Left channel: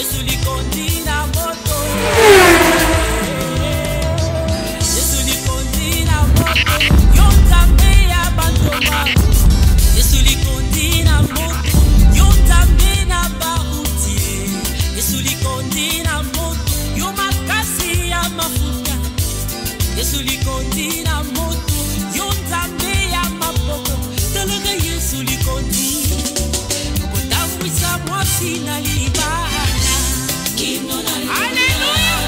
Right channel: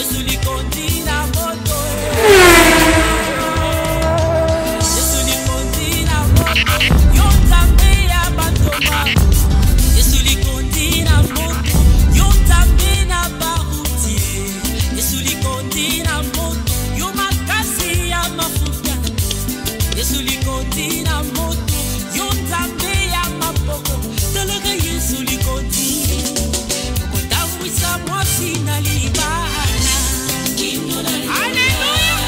Yesu likondi na moto. Yesu likondi na moto. Yonzambe ya bantoma. Yesu likondi na moto. Yonzambe na baruti. Yesu likondi na moto. Yo makasi ya mafuta. Yesu likondi na moto. Yonzambe ya mapoko. Tologa Yesu likondi. Yokotambwisa mwasi na libana. Alléluia.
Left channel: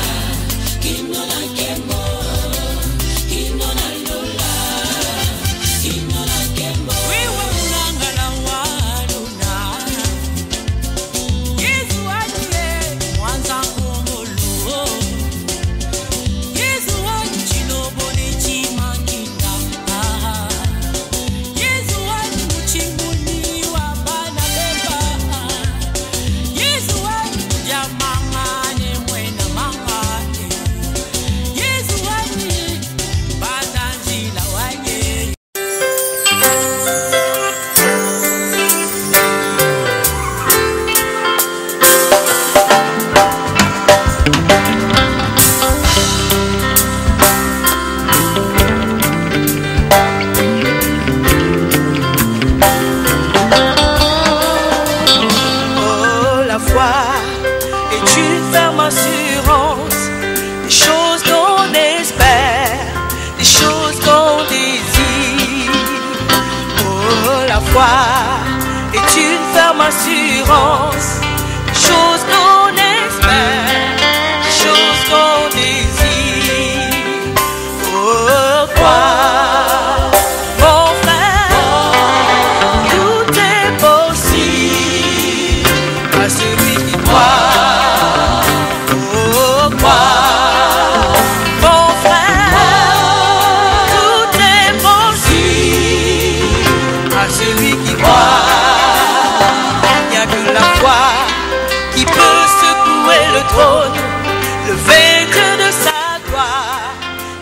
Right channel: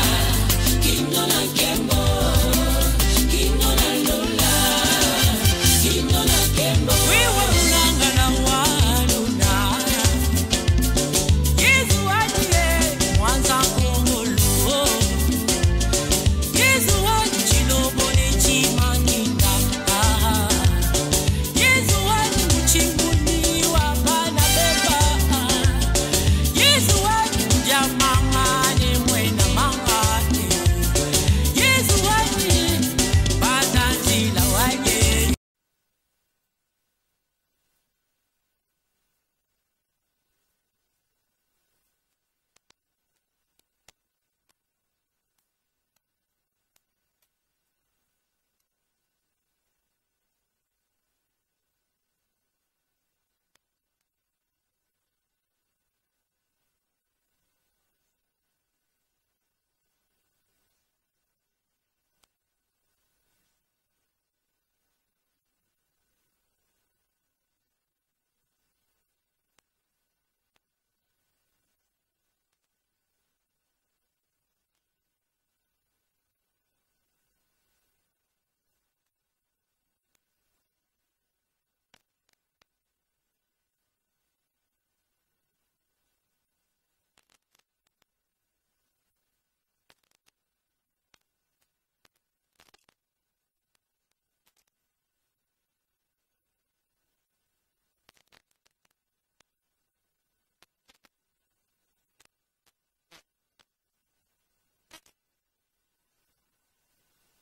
Est une ferme assurance, chose qu'on espère, chose qu'on désire. Pourquoi, mon frère, tout est possible à celui qui croit. Pourquoi, mon frère, tout est possible à celui qui croit. Qui peut secouer le trône, le vaincre de sa gloire,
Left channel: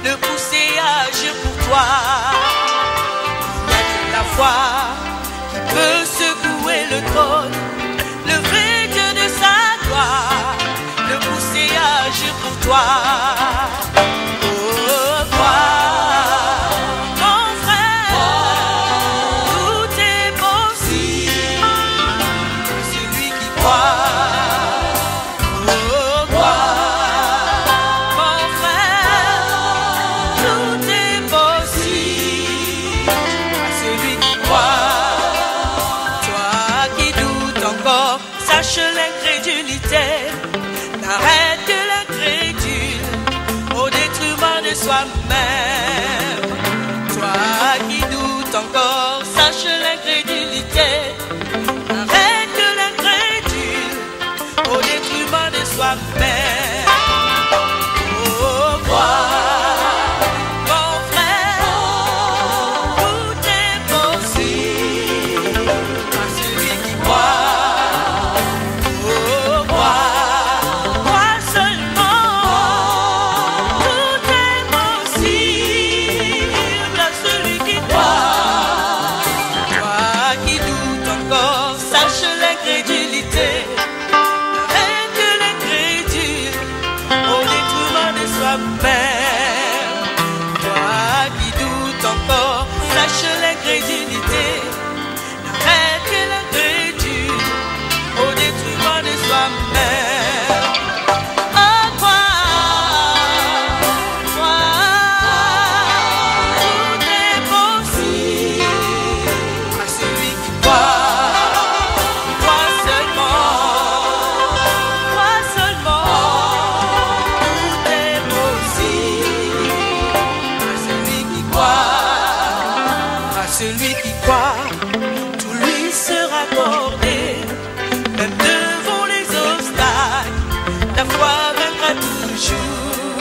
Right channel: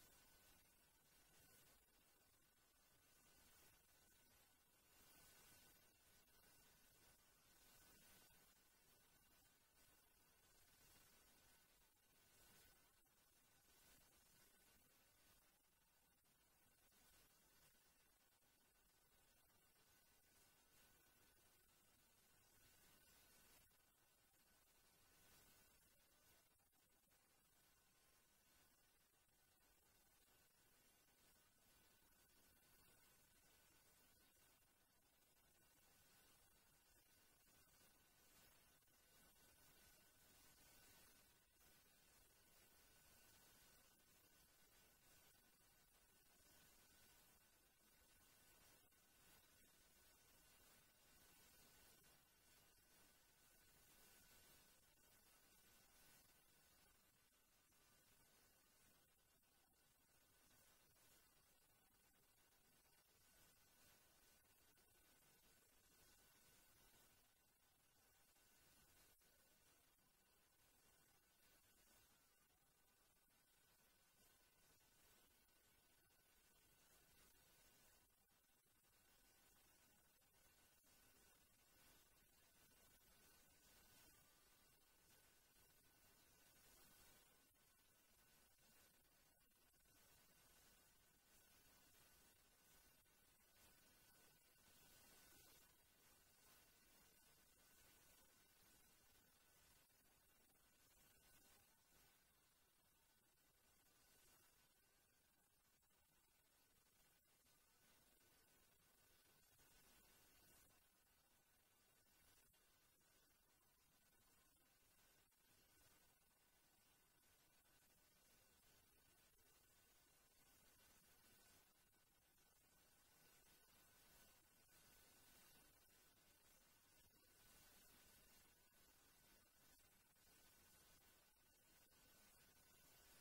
le pousser à agir pour toi. Il n'y a que la foi qui peut secouer le trône, le vaincre de sa gloire, le pousser à agir pour toi. Sache l'incrédulité, n'arrête que l'incrédule au détriment de soi-même. Toi qui doutes encore, sache l'incrédulité, n'arrête que l'incrédule au détriment de soi-même. Pourquoi? Toi qui doutes encore, sache l'incrédulité, n'arrête que l'incrédule au détriment de soi-même. Oh, toi, tout est possible à celui qui croit, toi seulement. Celui qui croit, tout lui sera accordé, même devant les obstacles, la foi vaincra toujours.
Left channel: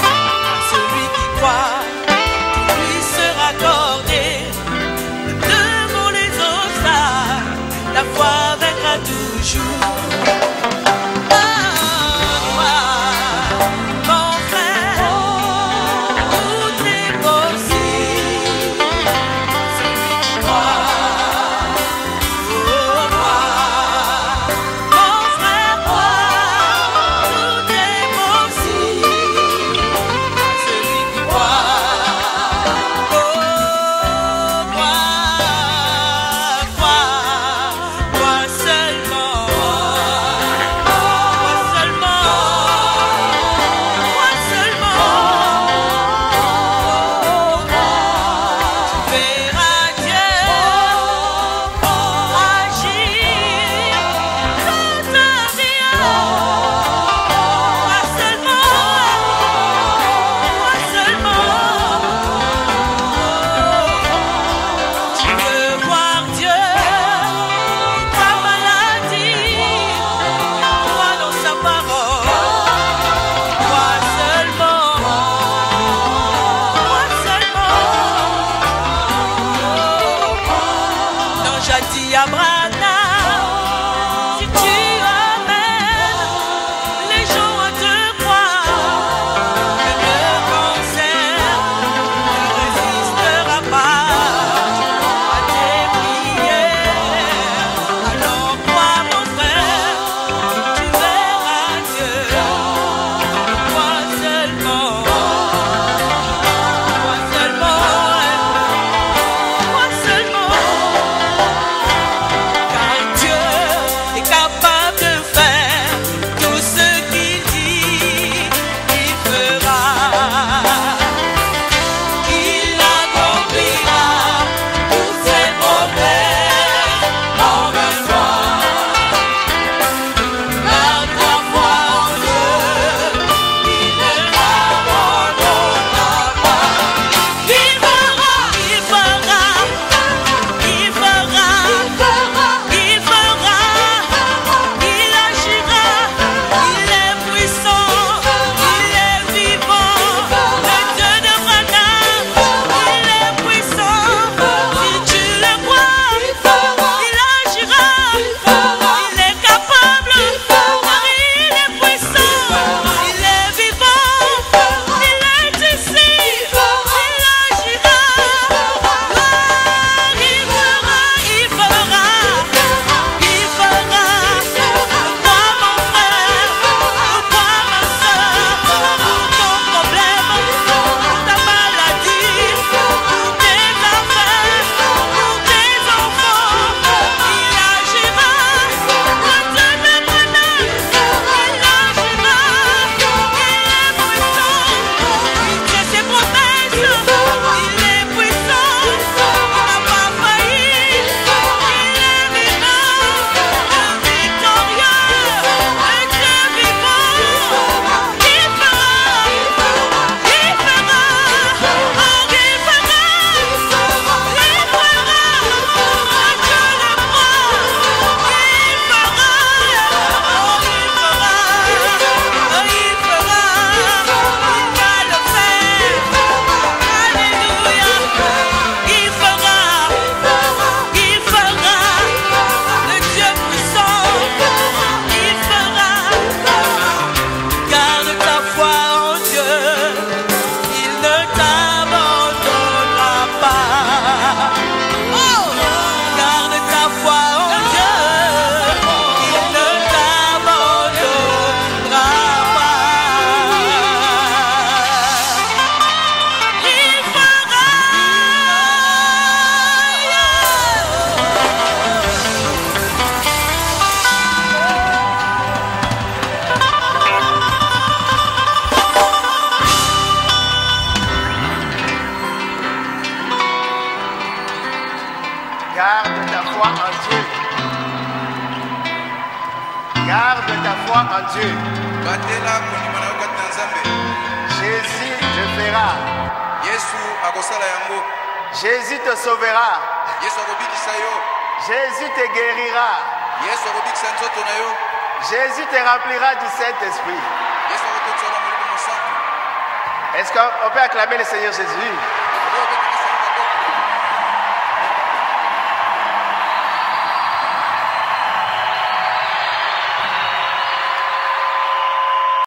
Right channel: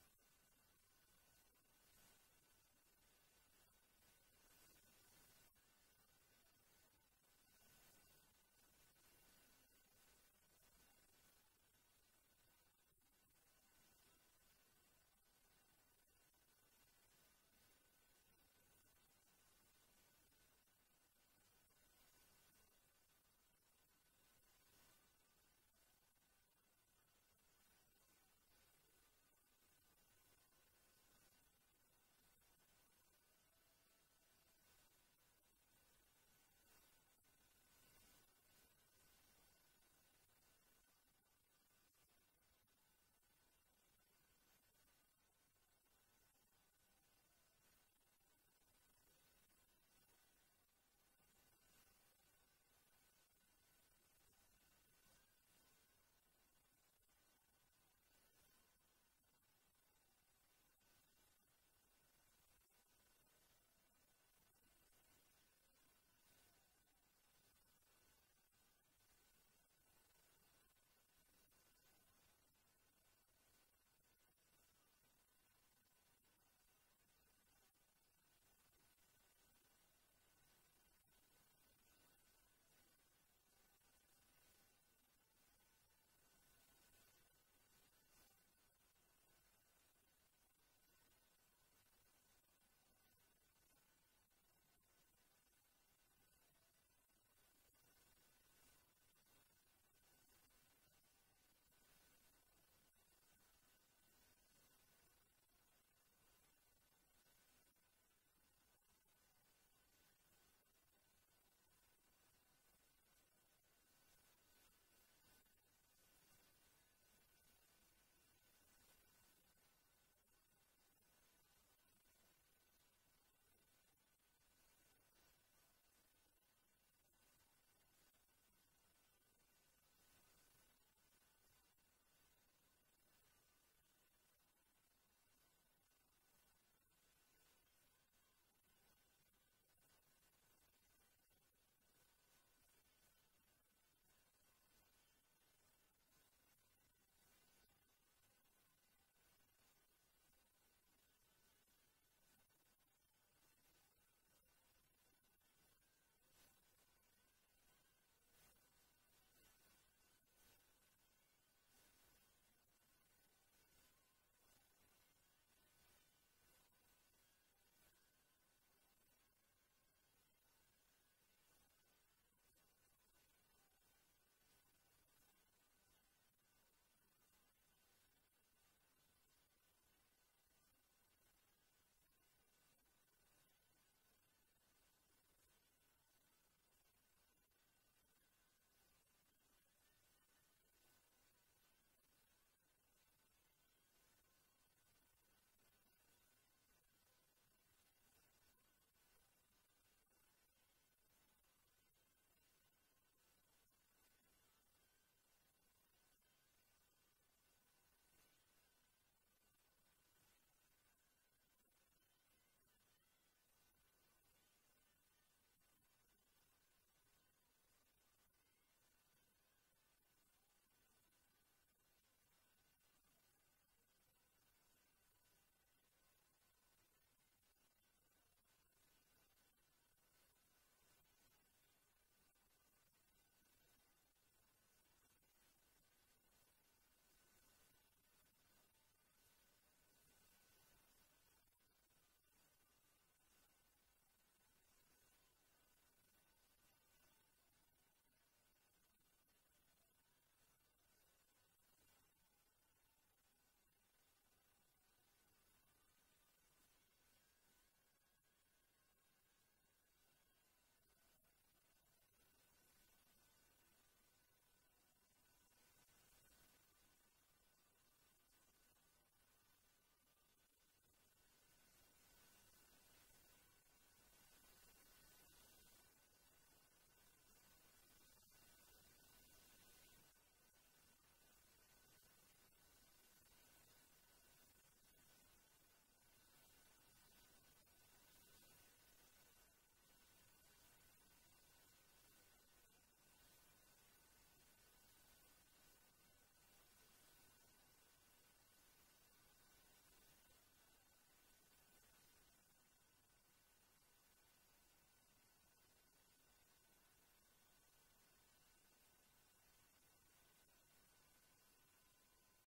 À celui qui croit, tout lui sera accordé, même devant les obstacles, la foi vaincra toujours. Mon frère, ta foi en Dieu. Garde ta foi en Dieu. Jésus te fera. Jésus te sauvera. Jésus te guérira. Jésus te remplira du Saint-Esprit. Est-ce qu'on peut acclamer le Seigneur Jésus?